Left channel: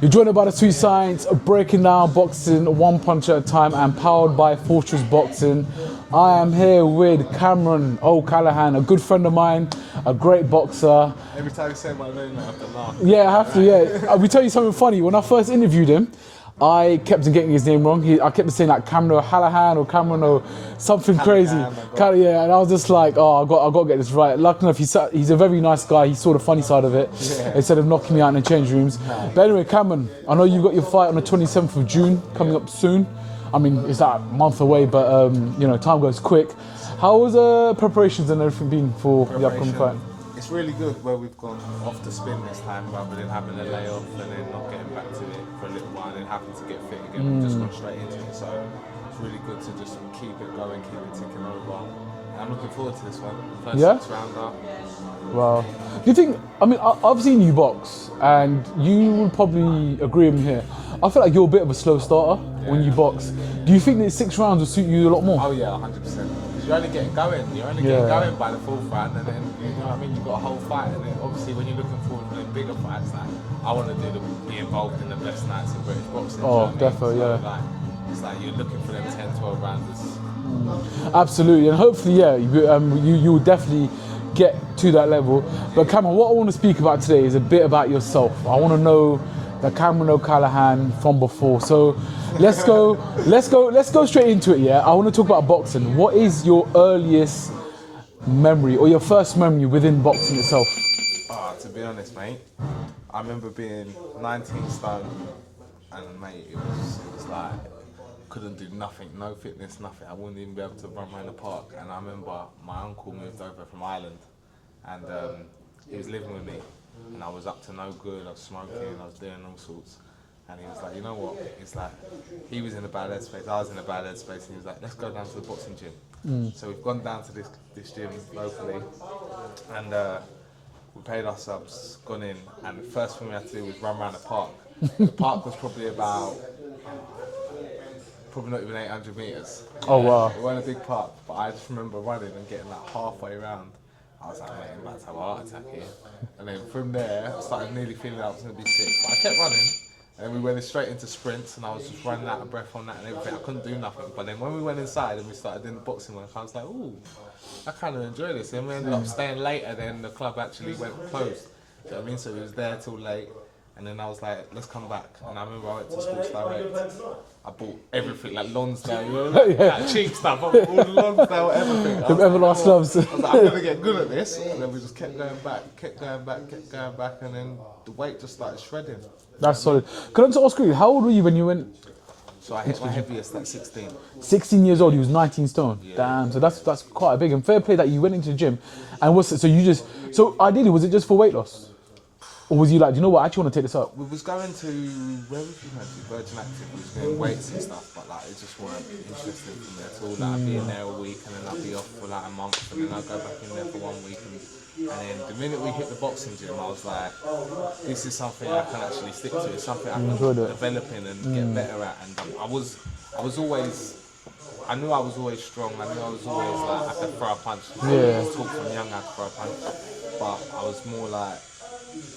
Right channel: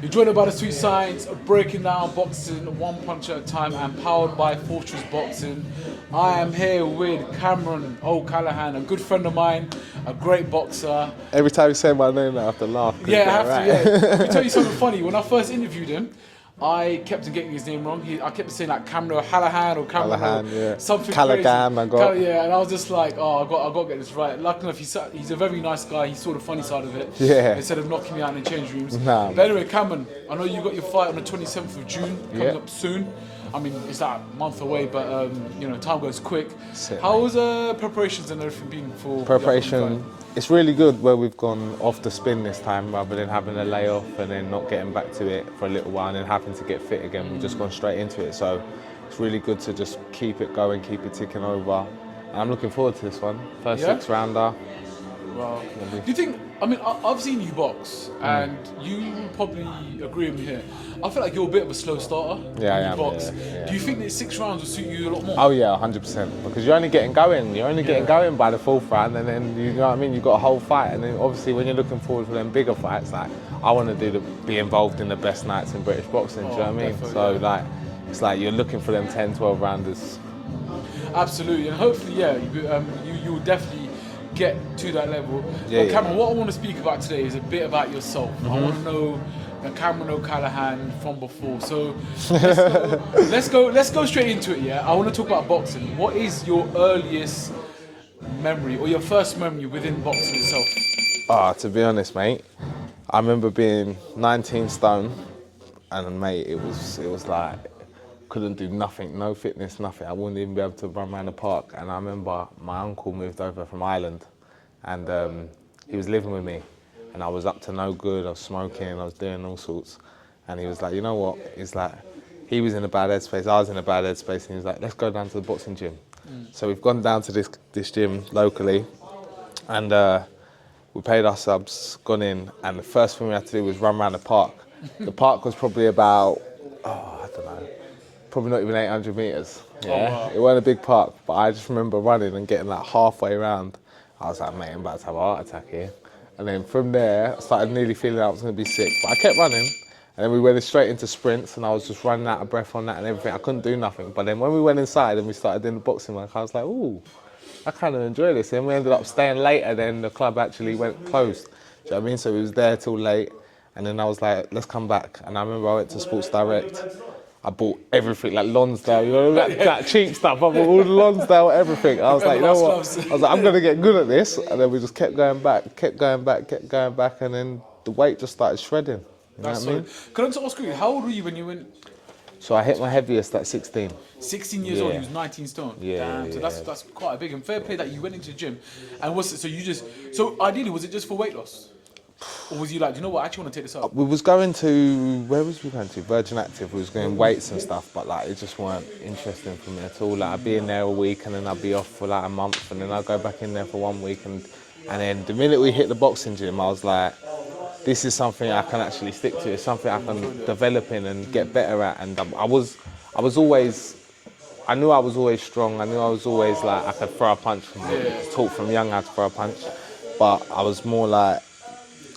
You're joined by the Sweet Science, breaking down boxing one punch at a time and powered by Fortress Boxing. I am here with Cameron O'Callaghan, a good friend of mine, a great boxer. Every time you say my name, I have to laugh. Yeah, I have to, yeah. I'll tell you something funny. When I first interviewed him, I kept on getting his name wrong. I kept on saying like Cameron O'Callaghan or Cameron or something crazy. Yeah, and I was just like, oh, I got to get this right. Luckily enough, he's a very nice guy. He saw the funny side of it. Yeah. Instead of knocking me out in the change rooms. Nah. But anyway, Cameron, I know you got your fight on the 27th of June coming up soon. I mean, it's like a month away, but you know, time goes quick. How was preparations and everything been for the upcoming fight? It's really good where we've gone off the spin this time rather than having a layoff and then not getting back to it for a little while and then having to get fit again. We've just gone straight into it. So it's really good to just keep it going, keep it ticking over. And I'm looking forward to this one. First 6-rounder. Well, do you think, I mean, I've seen you box and you will probably agree with me here. I feel like you're a bit of a slow starter when you box. Yeah. Do you think that 6 rounds will suit you a lot more? Oh yeah, 100%. Because you're only getting going. You're only getting going by the 4th round and then, you know what I mean, you've got a whole fight. And then obviously when you're looking forward to them bigger fights, like, I want to be involved in the best nights in British boxing, do you know what I mean? Definitely, so like, it's like you're looking for them 10, 12 rounders. Absolutely, and hopefully, you will definitely get to that level. But Cameron, what I want to speak about today is a bit about yourself. I want to know the Cameron O'Callaghan from before. So let's go straight into it. Yeah, I want to talk about boxing. What is your earliest memory or your first memory within boxing itself? To be honest, mate, I remember being 19 stone, and mate, it was like couldn't do nothing, no fitness, nothing. I wouldn't even be able to run around the park. And I remember my uncle moved over from Ireland, and he was living with me, and I was up to no good. I was smoking, I was doing all sorts, and he was like, you know what? It's like he was in a bad headspace, I was in a bad headspace, and he was like, let's go down to the boxing gym. So we've gone down to this gym locally, and we paid our subs, gone in, and the first thing we had to do was run around the park. The park was probably about, probably not even 800 metres. Oh wow. It wasn't a big park, but I just remember running and getting like halfway around. I was like, mate, I'm about to have a heart attack here. And then from there, I started nearly feeling I was going to be sick. But I kept running, and then we went straight into sprints, and I was just running out of breath on that and everything. I couldn't do nothing. But then when we went inside and we started doing the boxing work, I was like, ooh, I kind of enjoy this. And we ended up staying later than the club actually went closed. Do you know what I mean? So we was there till late, and then I was like, let's come back. And I remember I went to Sports Direct. I bought everything, like Lonsdale, you know, like cheap stuff. I bought all the Lonsdale, everything. I was like, you know what? I'm going to get good at this. And then we just kept going back, and then the weight just started shredding. That's solid. Can I just ask you, how old were you when you went? So I hit my heaviest at 16. 16 years old, he was 19 stone. Yeah, damn, so that's quite a big and fair play that you went into the gym. And so ideally, was it just for weight loss? Or was you like, do you know what, I actually want to take this up? We was going to, where was we going to? Virgin Active. We was going weights and stuff, but like it just weren't interesting for me at all. Like I'd be in there a week and then I'd be off for like a month and then I'd go back in there for 1 week and then the minute we hit the boxing gym, I was like, this is something I can actually stick to. It's something I can develop in and get better at. And I knew I was always strong. I knew I was always like, I could throw a punch. I was taught from young how to throw a punch. But I was more like,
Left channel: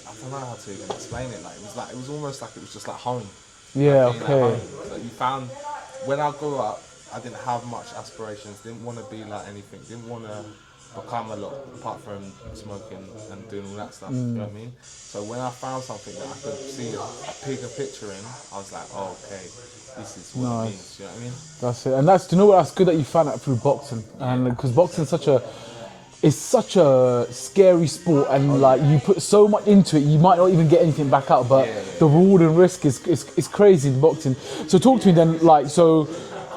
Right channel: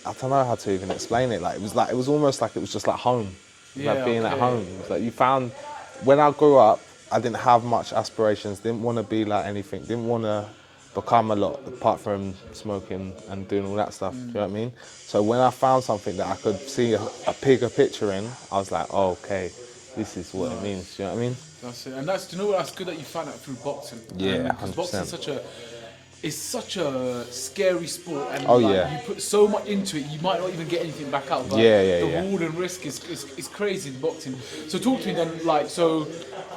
I don't know how to even explain it. Like it was almost like it was just like home. Yeah, like being at home. Like you found, when I grew up, I didn't have much aspirations. Didn't want to be like anything. Didn't want to become a lot apart from smoking and doing all that stuff. You know what I mean? So when I found something that I could see a bigger picture in, I was like, oh, okay, this is what it means. You know what I mean? That's it. And do you know what? That's good that you found that through boxing. Yeah, because boxing is such a scary sport, and you put so much into it, you might not even get anything back out. But the reward and risk is crazy in boxing. So talk to me then. Like, so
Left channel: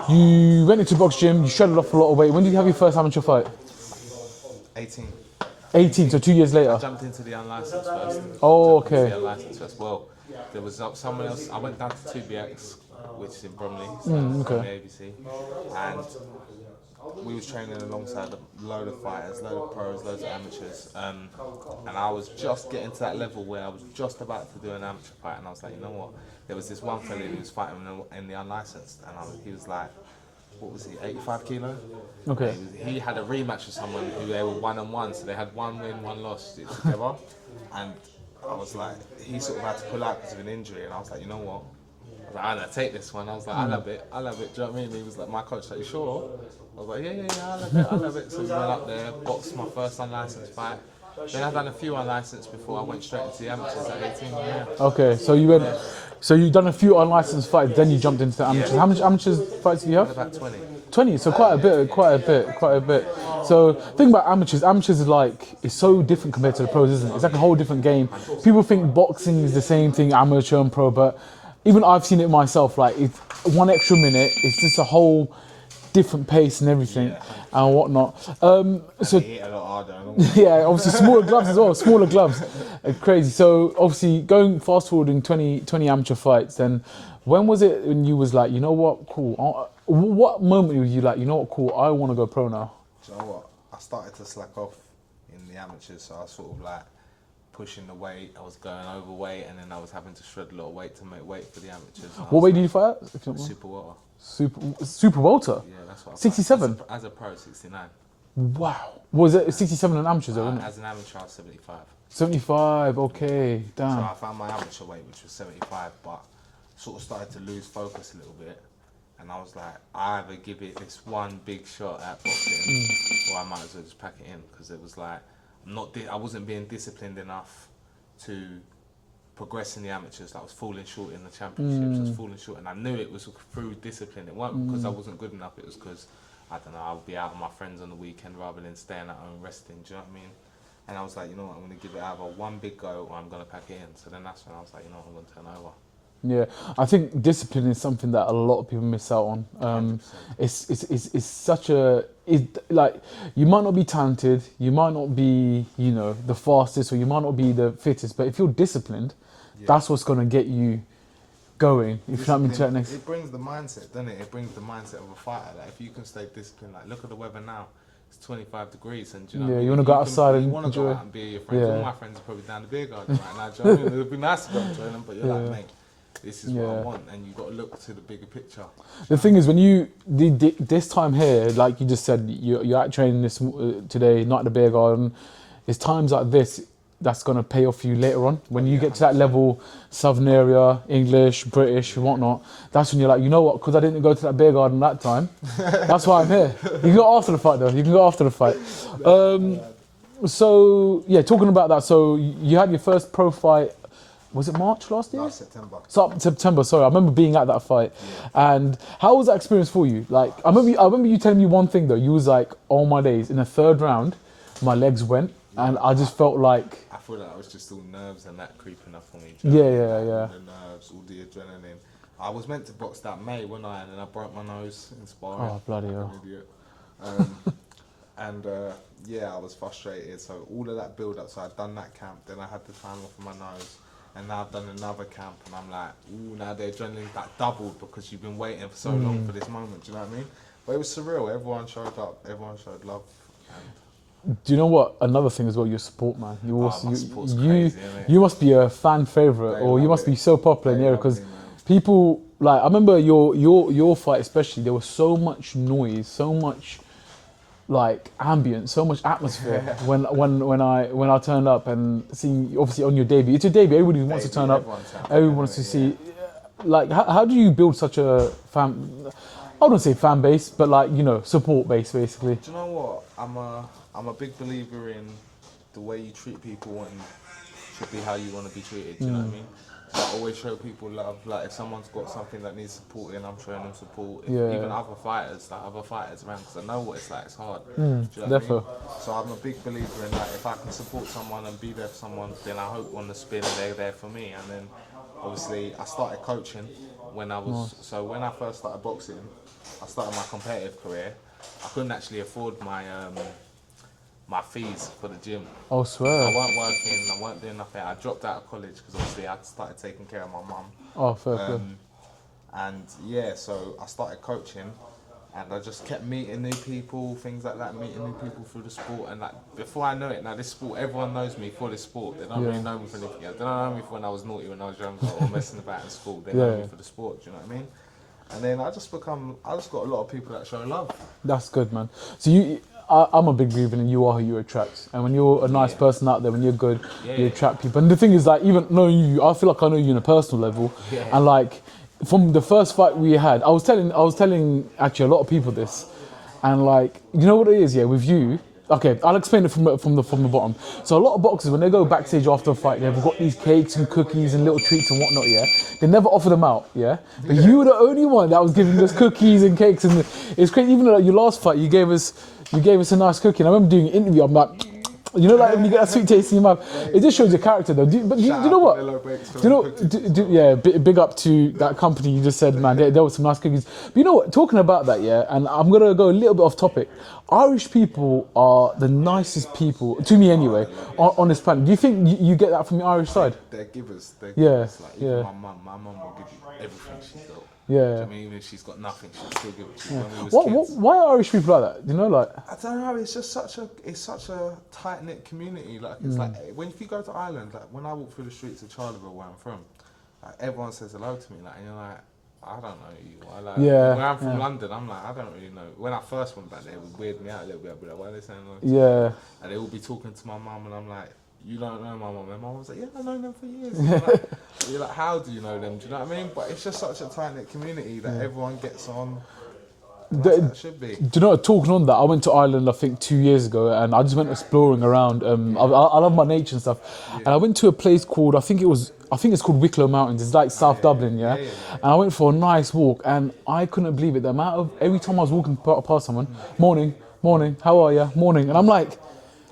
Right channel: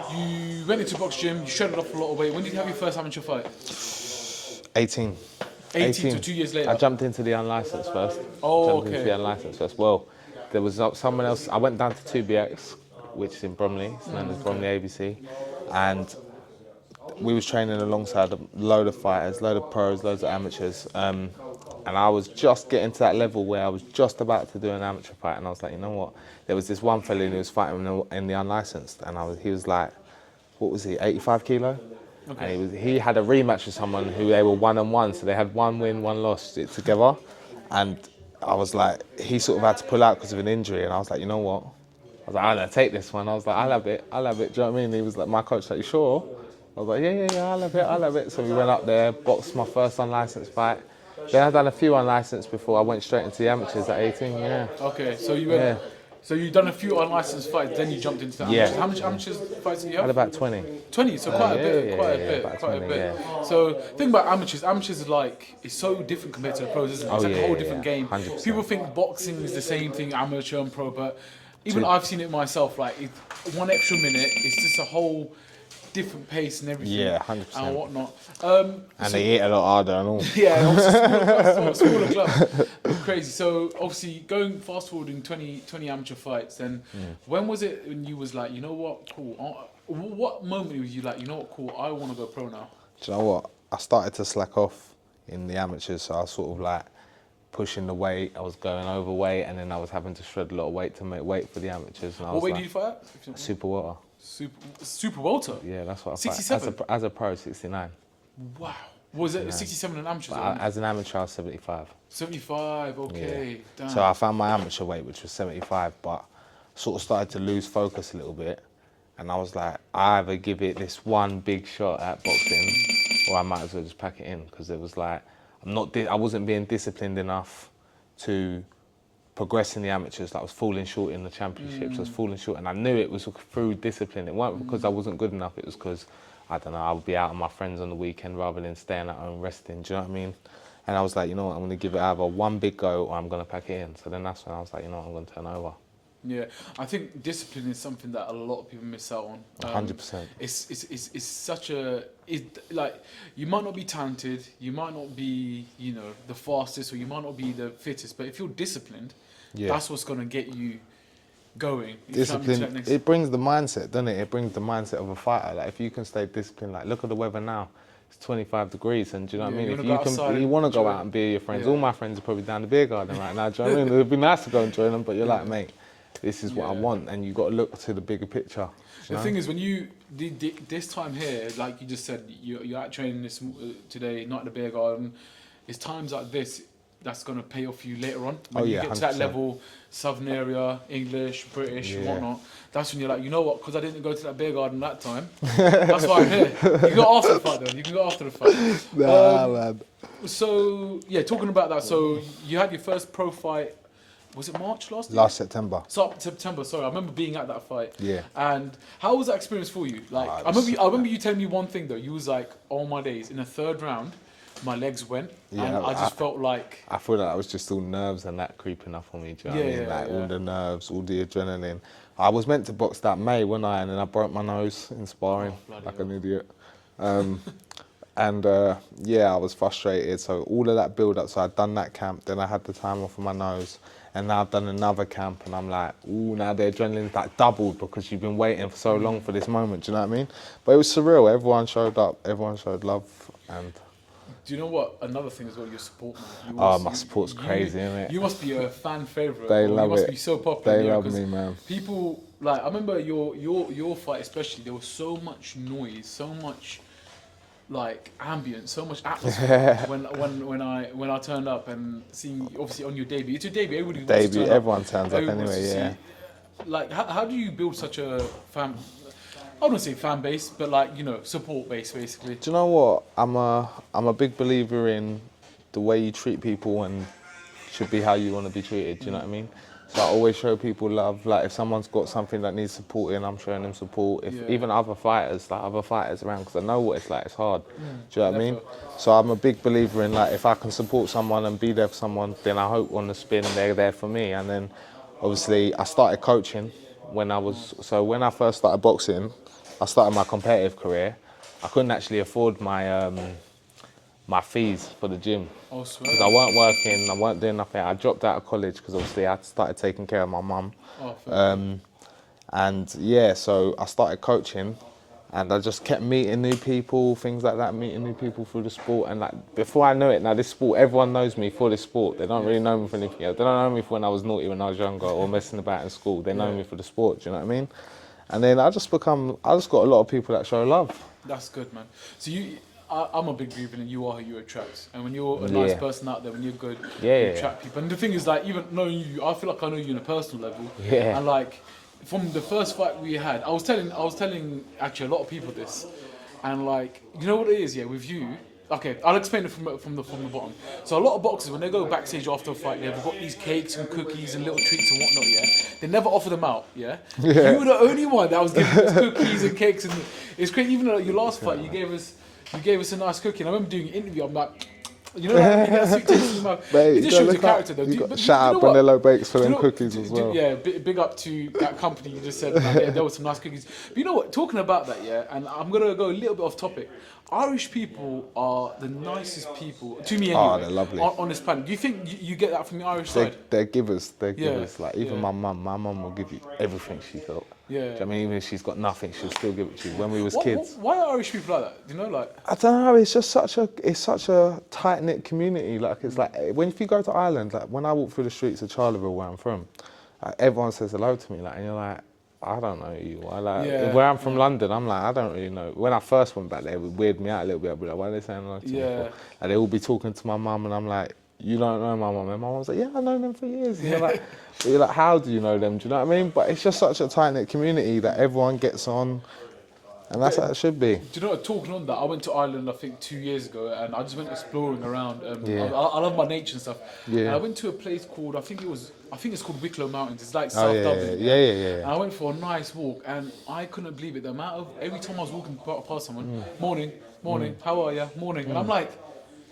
you went into box gym, you shredded off a lot of weight. When did you have your first amateur fight? 18. 18, so 2 years later. I jumped into the unlicensed first. Oh, okay. The unlicensed first. Well, there was someone else. I went down to 2BX, which is in Bromley, Bromley ABC, and we was training alongside a load of fighters, load of pros, loads of amateurs, and I was just getting to that level where I was just about to do an amateur fight, and I was like, you know what? There was this one fella who was fighting in the unlicensed, and he was like, what was he, 85 kilo? Okay. He had a rematch with someone who they were 1-1, so they had 1 win, 1 loss together, and I was like, he sort of had to pull out because of an injury, and I was like, you know what? I was like, I'll take this one. I was like, I'll have it. Do you know what I mean? He was like, my coach, like, you sure? I was like, yeah, I'll have it. So we went up there, boxed my first unlicensed fight. Then I'd done a few unlicensed before I went straight into the amateurs at 18, yeah. Okay, so you went, so you done a few unlicensed fights, then you jumped into the amateurs. Yeah. How much amateurs fights do you have? I had about 20. 20, so quite a bit. So think about amateurs. Amateurs is like, it's so different compared to the pros, isn't it? It's like a whole different game. 100%. People think boxing is the same thing, amateur and pro, but even I've seen it myself, like it's 1 extra minute, it's just a whole different pace and everything, Yeah, 100%. and whatnot. And they hit a lot harder and all. Yeah, obviously smaller gloves as well, smaller gloves. It's crazy. So obviously going fast forwarding 20 amateur fights, then when was it when you was like, you know what, cool. What moment were you like, you know what, cool, I want to go pro now? Do you know what? I started to slack off in the amateurs, so I was sort of like pushing the weight, I was going overweight, and then I was having to shred a lot of weight to make weight for the amateurs. What weight did you fight at? If you don't mind? Super water. Super welter? Yeah, that's what I 67? fight. As a pro, 69. Wow. Was it 67 in amateurs? As an amateur, I was 75. 75, okay, damn. So I found my amateur weight, which was 75, but sort of started to lose focus a little bit. And I was like, I either give it this one big shot at boxing, or I might as well just pack it in, because it was like, I wasn't being disciplined enough to progress in the amateurs. Like I was falling short in the championships. I was falling short, and I knew it was through discipline. It wasn't because I wasn't good enough. It was because, I don't know, I would be out with my friends on the weekend rather than staying at home resting. Do you know what I mean? And I was like, you know what, I'm going to give it either one big go or I'm going to pack it in. So then that's when I was like, you know what, I'm going to turn over. Yeah, I think discipline is something that a lot of people miss out on. 100%. It's such a, like, you might not be talented, you might not be, you know, the fastest, or you might not be the fittest, but if you're disciplined, that's what's going to get you going. It brings the mindset, doesn't it? It brings the mindset of a fighter. Like if you can stay disciplined, like look at the weather now. It's 25 degrees, and do you know what I mean? You want to go outside. You want to go out and be with your friends. All my friends are probably down the beer garden right now. Do you know what I mean? It'd be nice to go and join them, but you're like, mate, this is what I want, and you've got to look to the bigger picture. The thing is, when you this time here, like you just said, you're out training this today, not at the beer garden. It's times like this that's going to pay off you later on. When you get to that level, Southern area, English, British, and whatnot, that's when you're like, you know what, because I didn't go to that beer garden that time, that's why I'm here. You can go after the fight, though. You can go after the fight. Man. So, yeah, talking about that, so you had your first pro fight, was it March last year? Last September. So September, sorry. I remember being at that fight. Yeah. And how was that experience for you? Like, I remember you telling me one thing though. You was like, oh my days, in the third round, my legs went, and I just felt like... I thought that was just all nerves and that creeping up on me. Do you know what I mean? Yeah. All the nerves, all the adrenaline. I was meant to box that May, wasn't I? And then I broke my nose in sparring, like an idiot. I was frustrated. So all of that build-up, so I'd done that camp, then I had the time off of my nose, and now I've done another camp, and I'm like, ooh, now the adrenaline's like doubled because you've been waiting for so long for this moment, do you know what I mean? But it was surreal. Everyone showed up, everyone showed love, and... Do you know what? Another thing as well, your support, man. My support's crazy, isn't it? You must be a fan favourite, or you must be so popular in there, because people, like, I remember your fight especially, there was so much noise, so much, like, ambience, so much atmosphere when I turned up and seeing, obviously on your debut. It's your debut, everybody wants to turn up. Everyone turns up Everyone wants to see. Like, how do you build such a fan... I wouldn't say fan base, but like, you know, support base basically. Do you know what? I'm a big believer in the way you treat people and should be how you want to be treated. Do you know what I mean? So I always show people love. Like if someone's got something that needs supporting, I'm showing them support. Even other fighters around, because I know what it's like. It's hard. Do you know what I mean? So I'm a big believer in, like, if I can support someone and be there for someone, then I hope on the spin they're there for me. And then obviously I started coaching when I was so when I first started boxing. I started my competitive career. I couldn't actually afford my my fees for the gym. Oh, swear. I weren't working, I weren't doing nothing. I dropped out of college because obviously I started taking care of my mum. Oh, fair. And yeah, so I started coaching, and I just kept meeting new people, things like that, meeting new people through the sport. And like before I know it, now this sport, everyone knows me for this sport. They don't really know me for anything else. They don't know me for when I was naughty when I was younger or messing about in school. They know me for the sport, do you know what I mean? And then I just got a lot of people that show love. That's good, man. So I'm a big believer in you are who you attract. And when you're a nice person out there, when you're good, you attract people. And the thing is, like, even knowing you, I feel like I know you on a personal level. Yeah. And like, from the first fight we had, I was telling actually a lot of people this. And like, you know what it is, yeah, with you. Okay, I'll explain it from the bottom. So a lot of boxers, when they go backstage after a fight, they've got these cakes and cookies and little treats and whatnot, yeah? They never offer them out, yeah? You were the only one that was giving us cookies and cakes. And it's crazy, even though your last fight, you gave us a nice cookie. And I remember doing an interview, I'm like, you know, like when you get a sweet taste in your mouth. It just shows your character, though. But you know what? Vanilla bakes for them cookies as well. Yeah, big up to that company you just said, man. There were some nice cookies. But you know what? Talking about that, yeah, and I'm gonna go a little bit off topic. Irish people are the nicest people, to me anyway, on this planet. Do you think you get that from the Irish side? They're givers. They're givers. Like, even my mum will give you everything she's got. Yeah. Do you know what I mean? Even if she's got nothing, she'll still give it to you. When we was kids. Why are Irish people like that? You know, like, I don't know. It's just such a tight knit community. Like, it's like if you go to Ireland, like when I walk through the streets of Charleville, where I'm from, like, everyone says hello to me. Like, and you're like, I don't know you. Where I'm from, London, I'm like, I don't really know. When I first went back there, it would weird me out a little bit. I'd be like, why are they saying hello to me? Yeah. And they all be talking to my mum, and I'm like, you don't know my mum. And my mum's like, yeah, I know them for years. And you're like, how do you know them? Do you know what I mean? But it's just such a tight-knit community that everyone gets on. And that's how it should be. Do you know what, talking on that, I went to Ireland, I think 2 years ago, and I just went exploring around. I love my nature and stuff. Yeah. And I went to a place called, I think it's called Wicklow Mountains. It's like South Dublin, yeah? And I went for a nice walk, and I couldn't believe it. The amount of, every time I was walking past someone, morning, how are you? Morning. And I'm like,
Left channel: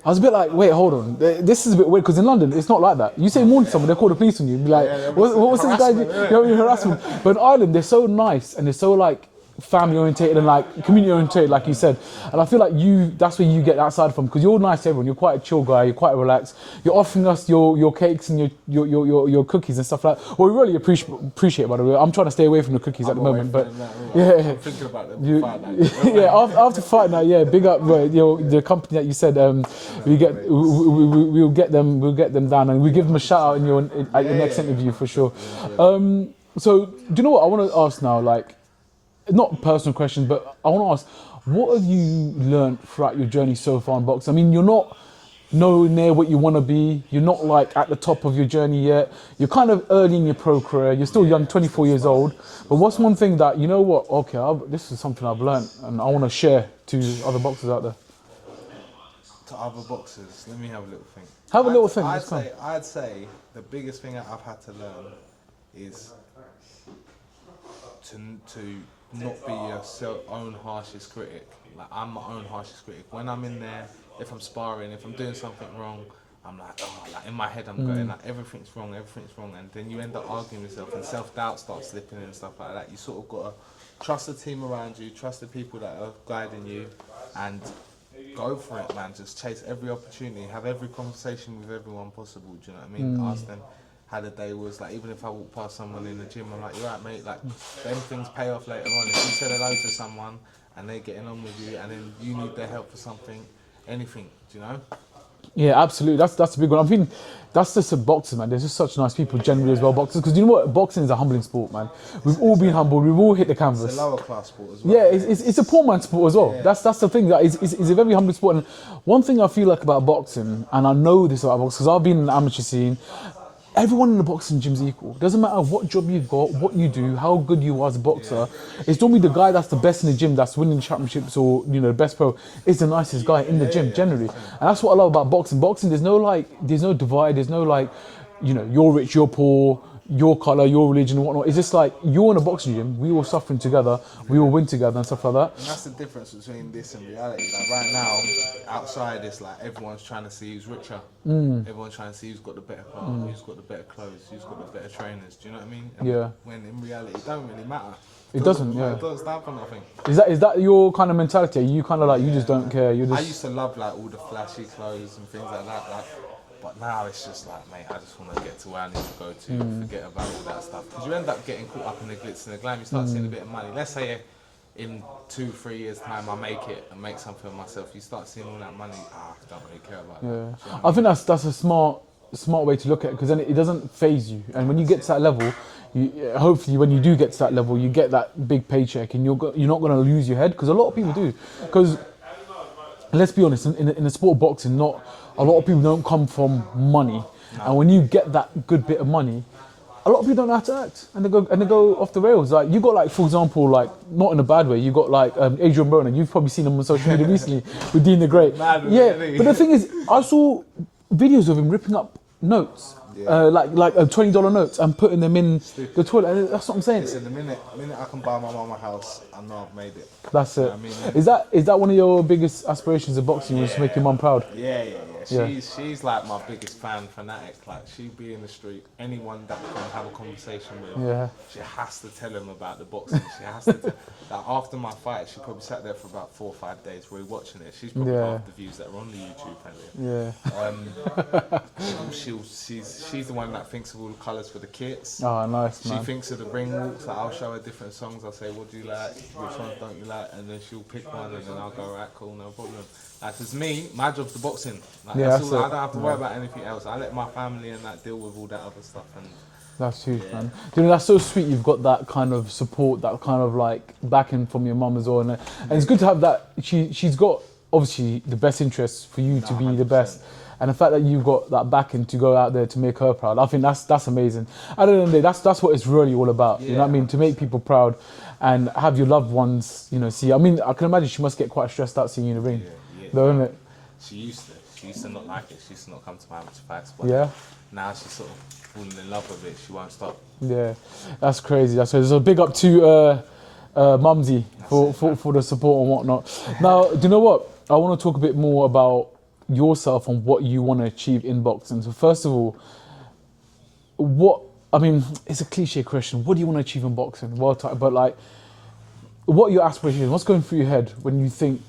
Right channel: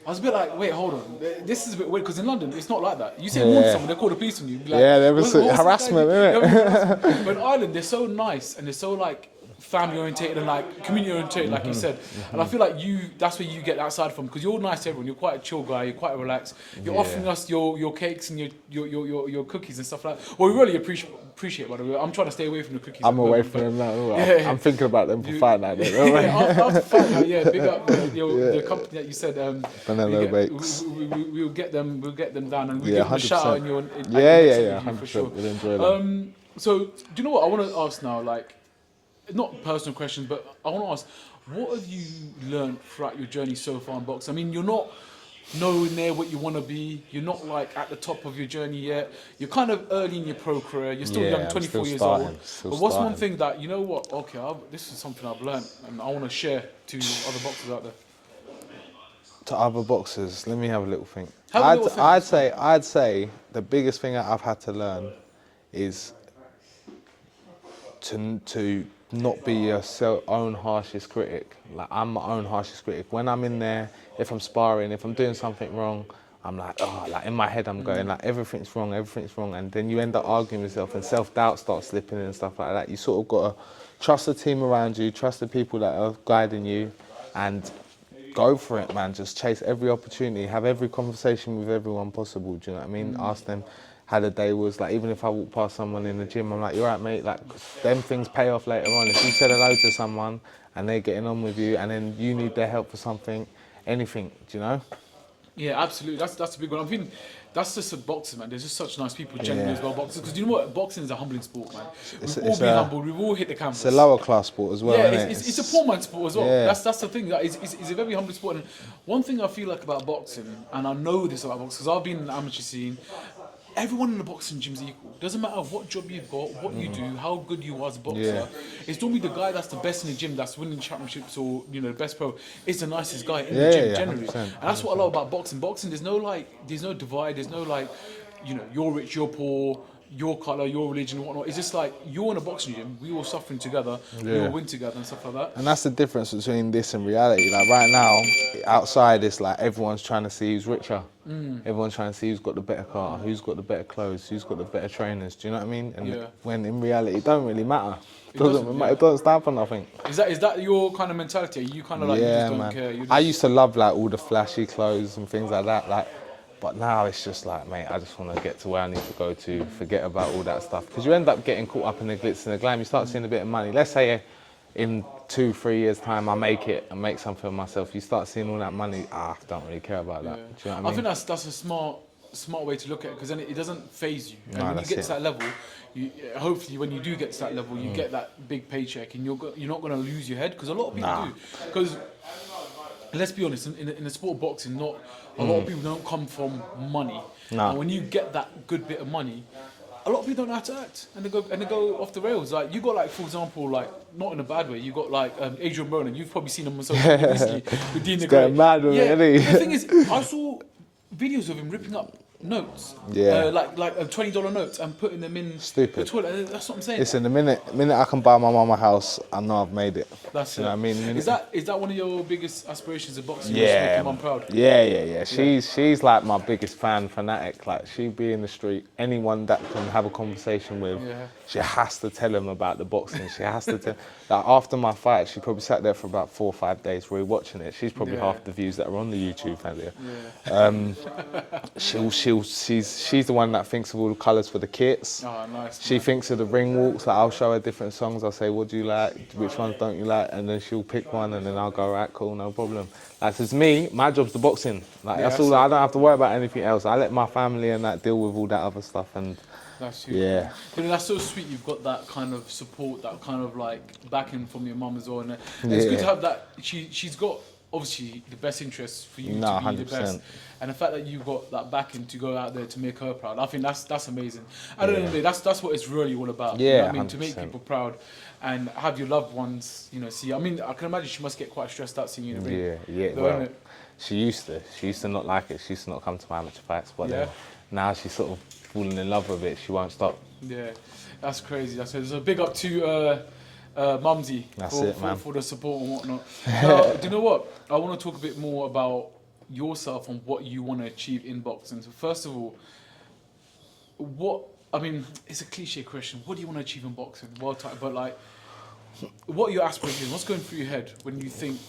I was a bit like, wait, hold on. This is a bit weird, because in London, it's not like that. You say morning to someone, they call the police on you. Be like, what's harassment, harassment. But in Ireland, they're so nice, and they're so like, family orientated and like community orientated, like you said, and I feel like that's where you get that side from, because you're nice to everyone. You're quite a chill guy. You're quite relaxed. You're offering us your cakes and your cookies and stuff like that. Well, we really appreciate, by the way. I'm trying to stay away from the cookies at the moment, but I'm thinking about them for fight night. After fight night, big up the company that you said we'll get them down, and we'll give them a shout out in your next interview for sure. So do you know what I want to ask now? Like, not personal questions, but I want to ask, what have you learned throughout your journey so far in boxing? I mean, you're not nowhere near what you want to be. You're not like at the top of your journey yet. You're kind of early in your pro career. You're still young, 24 years old. But what's one thing that, you know what, okay, this is something I've learned and I want to share to other boxers out there? To other boxers, let me have a little think. I'd say the biggest thing that I've had to learn is to not be your own harshest critic. Like, I'm my own harshest critic. When I'm in there, if I'm sparring, if I'm doing something wrong, I'm like, in my head I'm going like, everything's wrong, and then you end up arguing with yourself, and self-doubt starts slipping in and stuff like that. You sort of got to trust the team around you, trust the people that are guiding you, and go for it, man. Just chase every opportunity, have every conversation with everyone possible. Do you know what I mean? Ask them how the day was. Like, even if I walk past someone in the gym, I'm like, you're right, mate. Like, them things pay off later on. If you said hello to someone and they're getting on with you, and then you need their help for something, anything, do you know? Yeah, absolutely. That's a big one. I mean, that's just a boxer, man. There's just such nice people generally as well, boxers. Because you know what? Boxing is a humbling sport, man. We've all been humbled. We've all hit the canvas. It's a lower class sport as well. Yeah, it's a poor man's sport as well. Yeah. That's the thing. It's a very humbling sport. And one thing I feel like about boxing, and I know this about boxing, because I've been in the amateur scene, everyone in the boxing gym's equal. Doesn't matter what job you've got, what you do, how good you are as a boxer. It's normally the guy that's the best in the gym, that's winning championships, or the best pro, is the nicest guy in the gym generally. 100%. And that's what I love about boxing. Boxing, there's no divide. There's no you're rich, you're poor, your colour, your religion, and whatnot. It's just like, you're in a boxing gym, we all suffering together, we all win together and stuff like that. And that's the difference between this and reality. Like, right now, outside, it's like everyone's trying to see who's richer. Everyone's trying to see who's got the better car, who's got the better clothes, who's got the better trainers. Do you know what I mean? And when in reality, it don't really matter. It doesn't stand for nothing. Is that your kind of mentality? Are you kind of like, you just don't care? I used to love like all the flashy clothes and things like that. But now it's just like, mate, I just want to get to where I need to go to, forget about all that stuff. Because you end up getting caught up in the glitz and the glam. You start seeing a bit of money. Let's say in 2-3 years' time, I make it and make something of myself. You start seeing all that money, I don't really care about that. Yeah. Do you know what I think that's a smart way to look at it, because then it doesn't phase you. And when you get to that level, hopefully when you do get to that level, you get that big paycheck, and you're not going to lose your head, because a lot of people do. Because And let's be honest, in the sport of boxing, not a lot of people don't come from money. No. And when you get that good bit of money, a lot of people don't know how to act, and they go off the rails. Like you got like, for example, like not in a bad way. You got like Adrian Broner. You've probably seen him on social media recently with Dean the Great. Mad with Yeah, it, isn't he? but the thing is, I saw videos of him ripping up notes, Yeah. like $20 notes, and putting them in Stupid. the toilet. And that's what I'm saying. Listen, the minute I can buy my mum a house, I know I've made it. That's it. You know what I mean? Is that one of your biggest aspirations in boxing? Just make your mum proud. Yeah. She's like my biggest fanatic. Like she'd be in the street, anyone that can have a conversation with, she has to tell them about the boxing. She has to tell. Like after my fight, she probably sat there for about 4 or 5 days rewatching it. She's probably half the views that are on the YouTube video. She's the one that thinks of all the colours for the kits. Oh, nice. She thinks of the ring walks. Like I'll show her different songs. I'll say, what do you like? Which ones don't you like? And then she'll pick one, and then I'll go, right, cool, no problem. Like, it's me, my job's the boxing. Like, that's all. I don't have to worry about anything else. I let my family and that deal with all that other stuff. And that's huge. Yeah. You know, that's so sweet. You've got that kind of support, that kind of like backing from your mum as well. And it's good to have that. She's got obviously the best interests for you to be 100%. the best. And the fact that you've got that backing to go out there to make her proud, I think that's amazing. At the end of the day, that's what it's really all about. Yeah, you know what I mean? 100%. To make people proud and have your loved ones, you know, see. I mean, I can imagine she must get quite stressed out seeing you in the ring. Yeah. Though, Well, innit? she used to not like it. She used to not come to my amateur fights. But now she's sort of falling in love with it. She won't stop. Yeah, that's crazy. So big up to Mumsy for the support and whatnot. Now, do you know what? I want to talk a bit more about yourself and what you want to achieve in boxing. So first of all, it's a cliche question. What do you want to achieve in boxing? But like, what are your aspirations? What's going through your head when you think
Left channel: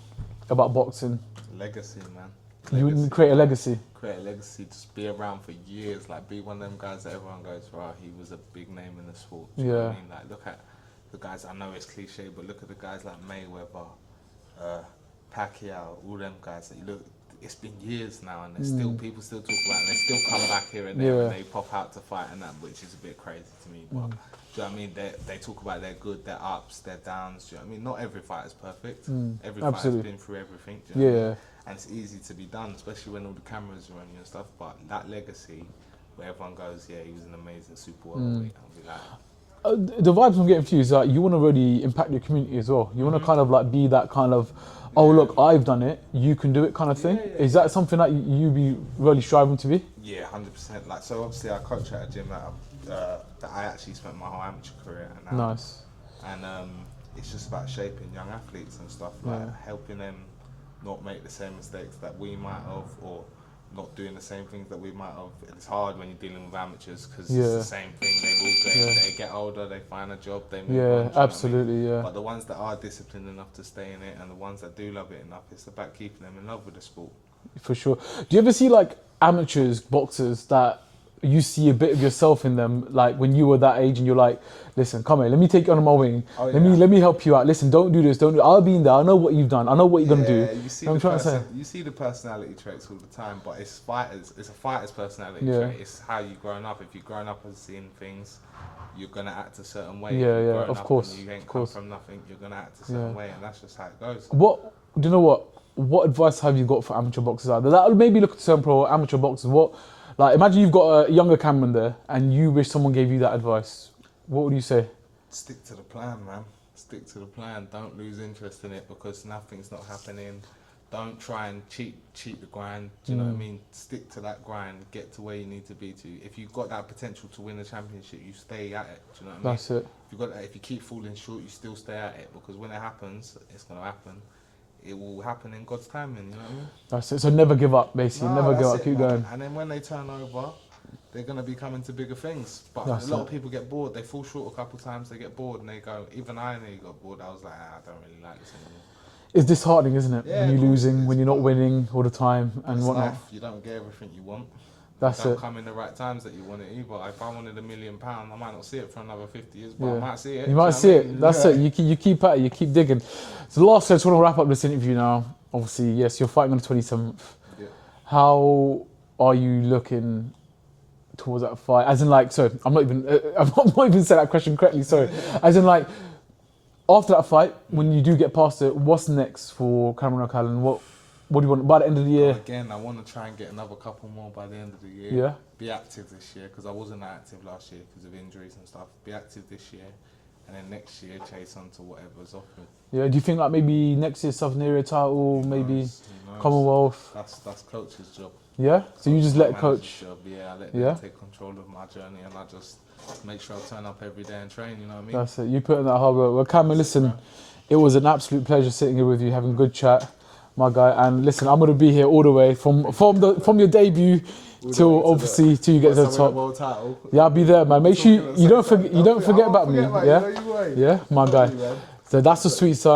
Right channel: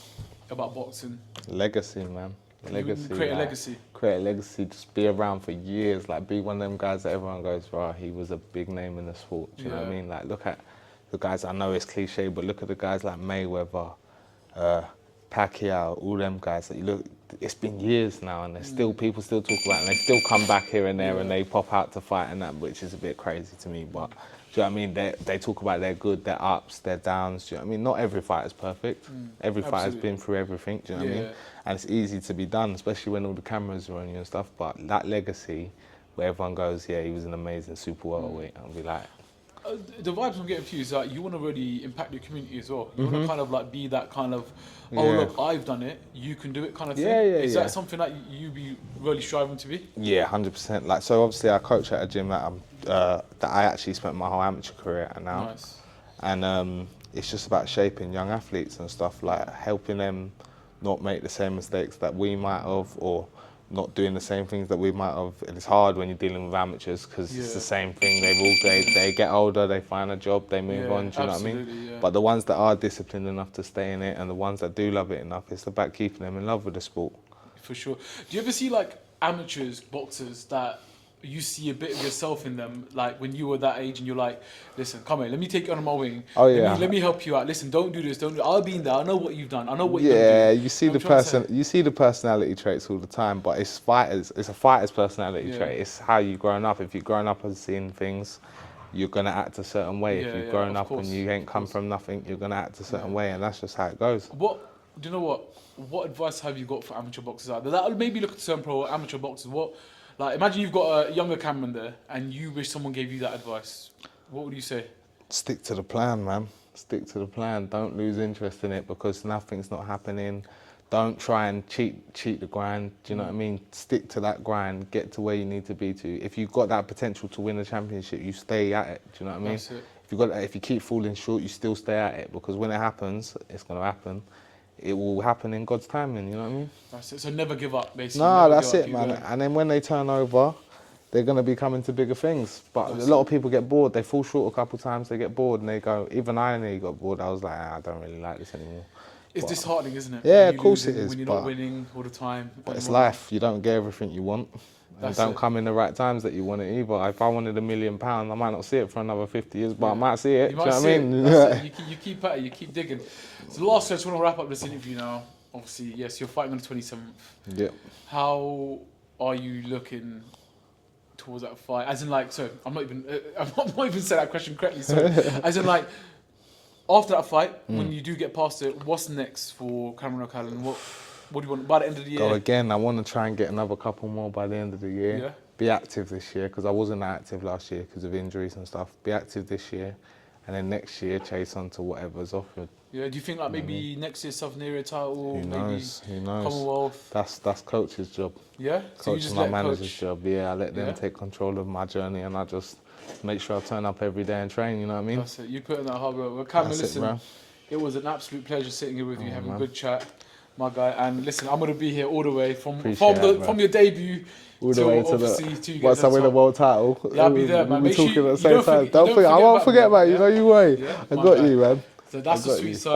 about boxing? Legacy, man. You create a legacy. Create a legacy, just be around for years, like be one of them guys that everyone goes, right, he was a big name in the sport. Do you know what I mean? Like look at the guys, I know it's cliche, but look at the guys like Mayweather, Pacquiao, all them guys that you look, it's been years now and there's still, people still talk about it and they still come back here and there and they pop out to fight and that, which is a bit crazy to me, but do you know what I mean? They talk about their good, their ups, their downs. Do you know what I mean? Not every fight is perfect. Every fight has been through everything. Do you know what I mean? And it's easy to be done, especially when all the cameras are on you and stuff. But that legacy, where everyone goes, yeah, he was an amazing super welterweight, I'll be like. The vibes I'm getting from you is like you want to really impact your community as well. You want to kind of like be that kind of, look, I've done it, you can do it kind of thing. Is that something that you be really striving to be? Yeah, 100%. Like, so obviously I coach at a gym that I actually spent my whole amateur career at now. Nice. And it's just about shaping young athletes and stuff, like helping them not make the same mistakes that we might have, or not doing the same things that we might have. It's hard when you're dealing with amateurs because it's the same thing. They get older, they find a job, they move on. Do you know what I mean? But the ones that are disciplined enough to stay in it, and the ones that do love it enough, it's about keeping them in love with the sport. For sure. Do you ever see like amateurs, boxers that you see a bit of yourself in them, like when you were that age and you're like, listen, come here, let me take you under my wing. Let me help you out. Listen, don't do this, don't do. I'll be in there. I know what you've done. I know what you're gonna do. Yeah, you see the personality traits all the time, but it's a fighter's personality trait. It's how you've grown up. If you've grown up and seen things, you're gonna act a certain way. If you've grown up and you ain't come from nothing, you're gonna act a certain way, and that's just how it goes. Do you know what? What advice have you got for amateur boxers out there? That maybe look at certain pro amateur boxers. Like, imagine you've got a younger Cameron there and you wish someone gave you that advice. What would you say? Stick to the plan, man. Stick to the plan. Don't lose interest in it because nothing's not happening. Don't try and cheat the grind. Do you know what I mean? Stick to that grind. Get to where you need to be to. If you've got that potential to win a championship, you stay at it. Do you know what I mean? That's it. If you keep falling short, you still stay at it because when it happens, it's going to happen. It will happen in God's timing, you know what I mean? That's it. So never give up, basically. No, never that's give up. it, Keep man. going. And then when they turn over, they're going to be coming to bigger things. But a lot of people get bored. They fall short a couple of times, they get bored, and they go, even I nearly got bored. I was like, I don't really like this anymore. It's disheartening, isn't it? Yeah, you of course losing it is, when you're not winning all the time. But it's life. You don't get everything you want. Don't come in the right times that you want it either. If I wanted £1 million, I might not see it for another 50 years, but I might see it. You might see it. That's it. You keep at it. You keep digging. So the last, I just want to wrap up this interview now. Obviously, yes, you're fighting on the 27th. Yeah. How are you looking towards that fight? As in, like, sorry, I'm not even saying that question correctly. Sorry. As in, like, after that fight, when you do get past it, what's next for Cameron O'Callaghan? What do you want by the end of the Go year? again. I want to try and get another couple more by the end of the year. Yeah. Be active this year because I wasn't active last year because of injuries and stuff. Be active this year, and then next year chase on to whatever's offered. Yeah. Do you think like maybe next year Southern Area title, Who maybe knows? Who knows? Commonwealth? That's coach's job. Yeah. So you Coach just is my let manager's coach. job. Yeah, I let them Yeah? take control of my journey, and I just make sure I turn up every day and train. You know what I mean? That's it. You put in that hard work. Well, Cameron, That's it, listen, bro. it was an absolute pleasure sitting here with you, having a good chat, my guy. And listen, I'm gonna be here all the way from Appreciate from your debut All the way till to obviously till you get once to I the win the top. world title. Yeah, I'll be there, man. We'll Make be sure talking at the you same don't time. forget. You don't forget I won't about forget me. about you. Yeah? No, you won't. Yeah, I my got guy. you, man. So that's the sweet side.